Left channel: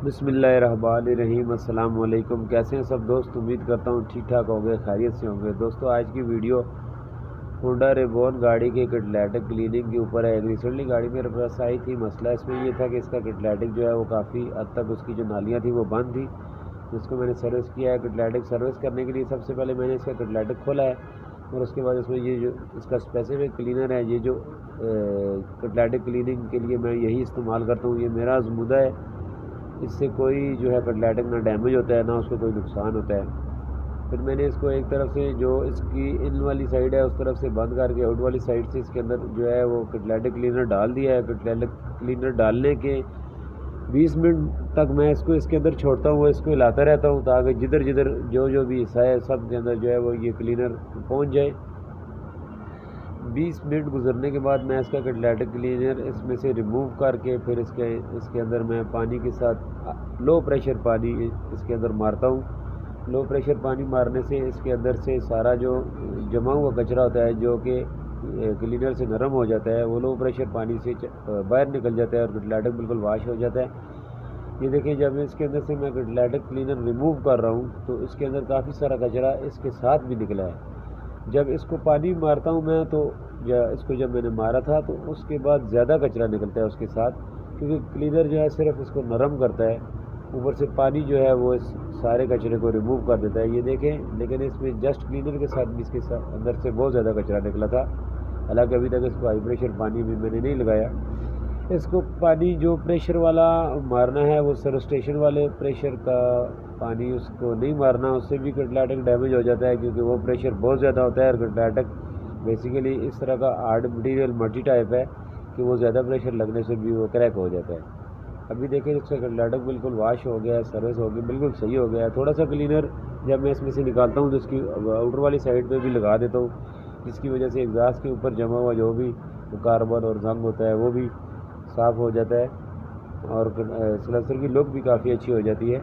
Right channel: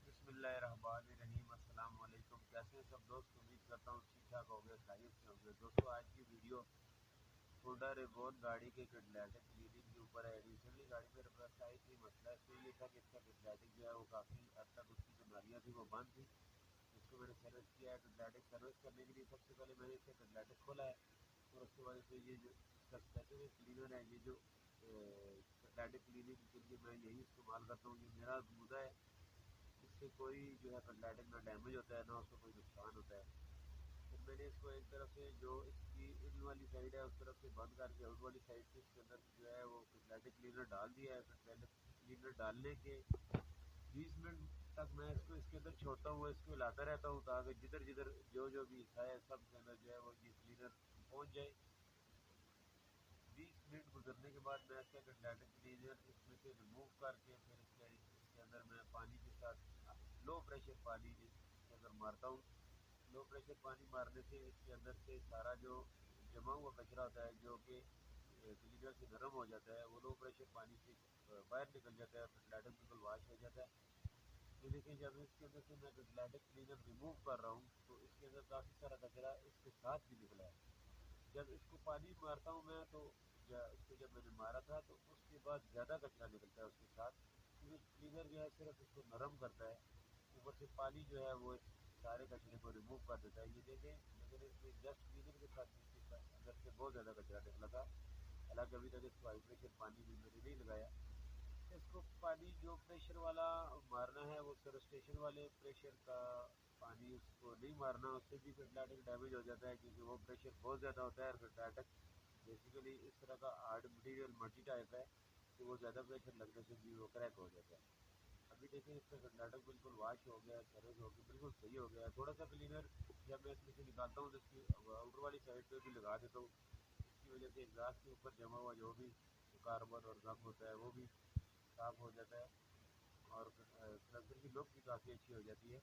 बिस्मिल्लाहिर्रहमानिर्रहीम। अस्सलाम वालेकुम। कैसे हैं सब दोस्त? उम्मीद करता हूँ ठीक ठाक होंगे, खैरियत से होंगे। दोस्तों, आज की वीडियो होंडा रेबॉन गाड़ी के कैटालिटिक क्लीनिंग के ऊपर है। रिसेंटली गाड़ी मेरे पास आई थी। मसला इसमें ये था कि इसका कैटालिटिक जो है वो काफ़ी हद तक उसकी जो नालियाँ थी वो बंद थी, जिसको मैंने सर्विस किया है। कैटालिटिक सर्विस करने के लिए सबसे पहले मैंने इसका कैटालिटिक खोला है और उसके बाद इसमें ये जो इसका स्पेसिफिक क्लीनर है, ये जो कैटालिटिक क्लीनिंग के लिए मैं यही इस्तेमाल करता हूँ। ये मेरा आज़मूदा है, इससे कोई जो है कैटालिटिक ना डैमेज होता है ना उसको कोई नुकसान होता है। फिर मैंने इसको एक तरफ से जो इसकी इन वाली साइड है उस तरफ से बंद करके आउट वाली साइड से इसके अंदर जो है वो कैटालिटिक क्लीनर डाल दिया है। कैटालिटिक क्लीनर डालने के 20 मिनट तक मैं इसको इसके अंदर छोड़ता हूँ, वो इसको हिलाता रहता हूँ ताकि जिधर जिधर जो भी हिस्सा है सब के अंदर जो है वो ये क्लीनर पहुँच जाए। 20 मिनट गुजरने के बाद मैं इसका कैटालिटिक क्लीनर इसमें से रिमूव करके फिर इसके अंदर मैं पानी के साथ लो प्रेशर पानी इसके अंदर मारता हूँ। लो प्रेशर पानी मारने से इसके अंदर से सारा जो जमा हुआ कचरा होता है जो कि क्लीनर से नरम हो जाता है, वो लो प्रेशर पानी से बाहर निकल जाता है और कैटालिटिक बिल्कुल वाश हो जाता है। ये देखिए, जब इसके अंदर से मैं कैटालिटिक क्लीनर रिमूव कर रहा हूँ तो इसके अंदर काफ़ी सारा कचरा इसके साथ भी निकला है। जब इसको पानी मारता हूँ मैं तो इसको जब मैंने मारा था तो उसके बाद ज़्यादा कचरा निकलता है उसके साथ, क्योंकि क्लीनर जो है सिर्फ इसको नरम करता है, ऊपर से पानी जो है वो इस सारे कचरे को रिमूव कर देता है। ये देखें, लेकिन इसमें जस्ट क्लीनर के साथ भी इसके साथ अंदर से बहुत ज़्यादा कचरा निकला था। हालांकि अभी तक इसको हाई प्रेशर पानी भी मैंने नहीं लगाया। इसको पानी जो प्रेशर वाला मारना है वो स्टेशन वाले प्रेशर का पानी उसको नहीं मारना, उससे भी कैटालिटिक डैमेज हो जाता है, क्योंकि वो प्रेशर बहुत ज़्यादा होता है। और कैटालिटिक बेसिकली इस तरह का हार्ड मटेरियल मल्टी टाइप है कि वो ज़्यादा प्रेशर लगने से भी वो क्रैक हो जाता है। अभी देखिए, इसका कैटालिटिक बिल्कुल वाश हो गया है, सर्विस हो गई, बिल्कुल सही हो गया है। थोड़ा सा क्लीनर जब मैं इसमें से निकालता हूँ तो इसकी आउटर वाली साइड पे भी लगा देता हूँ, जिसकी वजह से एग्जास्ट के ऊपर जमा हुआ जो भी कार्बन और जंग होता है वो भी साफ़ हो जाता है और सलेंसर की लुक भी काफ़ी अच्छी हो जाती है।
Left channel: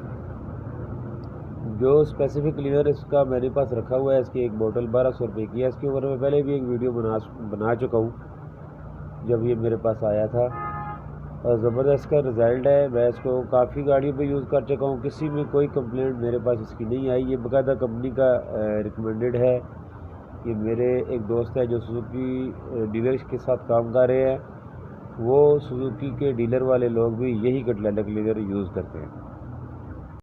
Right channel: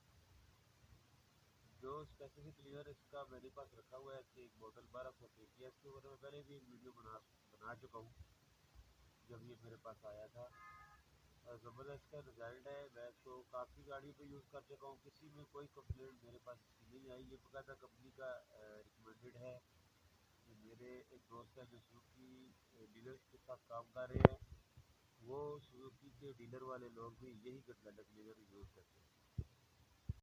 जो स्पेसिफिक क्लीनर इसका मेरे पास रखा हुआ है, इसकी एक बोतल 1200 रुपये की है। इसके ऊपर मैं पहले भी एक वीडियो बना चुका हूँ जब ये मेरे पास आया था, और ज़बरदस्त का रिज़ल्ट है। मैं इसको काफ़ी गाड़ियों पे यूज़ कर चुका हूँ, किसी में कोई कंप्लेंट मेरे पास इसकी नहीं आई। ये बाकायदा कंपनी का रिकमेंडेड है। कि मेरे एक दोस्त है जो सुजुकी डीलर के साथ काम कर रहे हैं, वो सुजुकी के डीलर वाले लोग भी यही कैटालिटिक क्लीनर यूज़ करते हैं।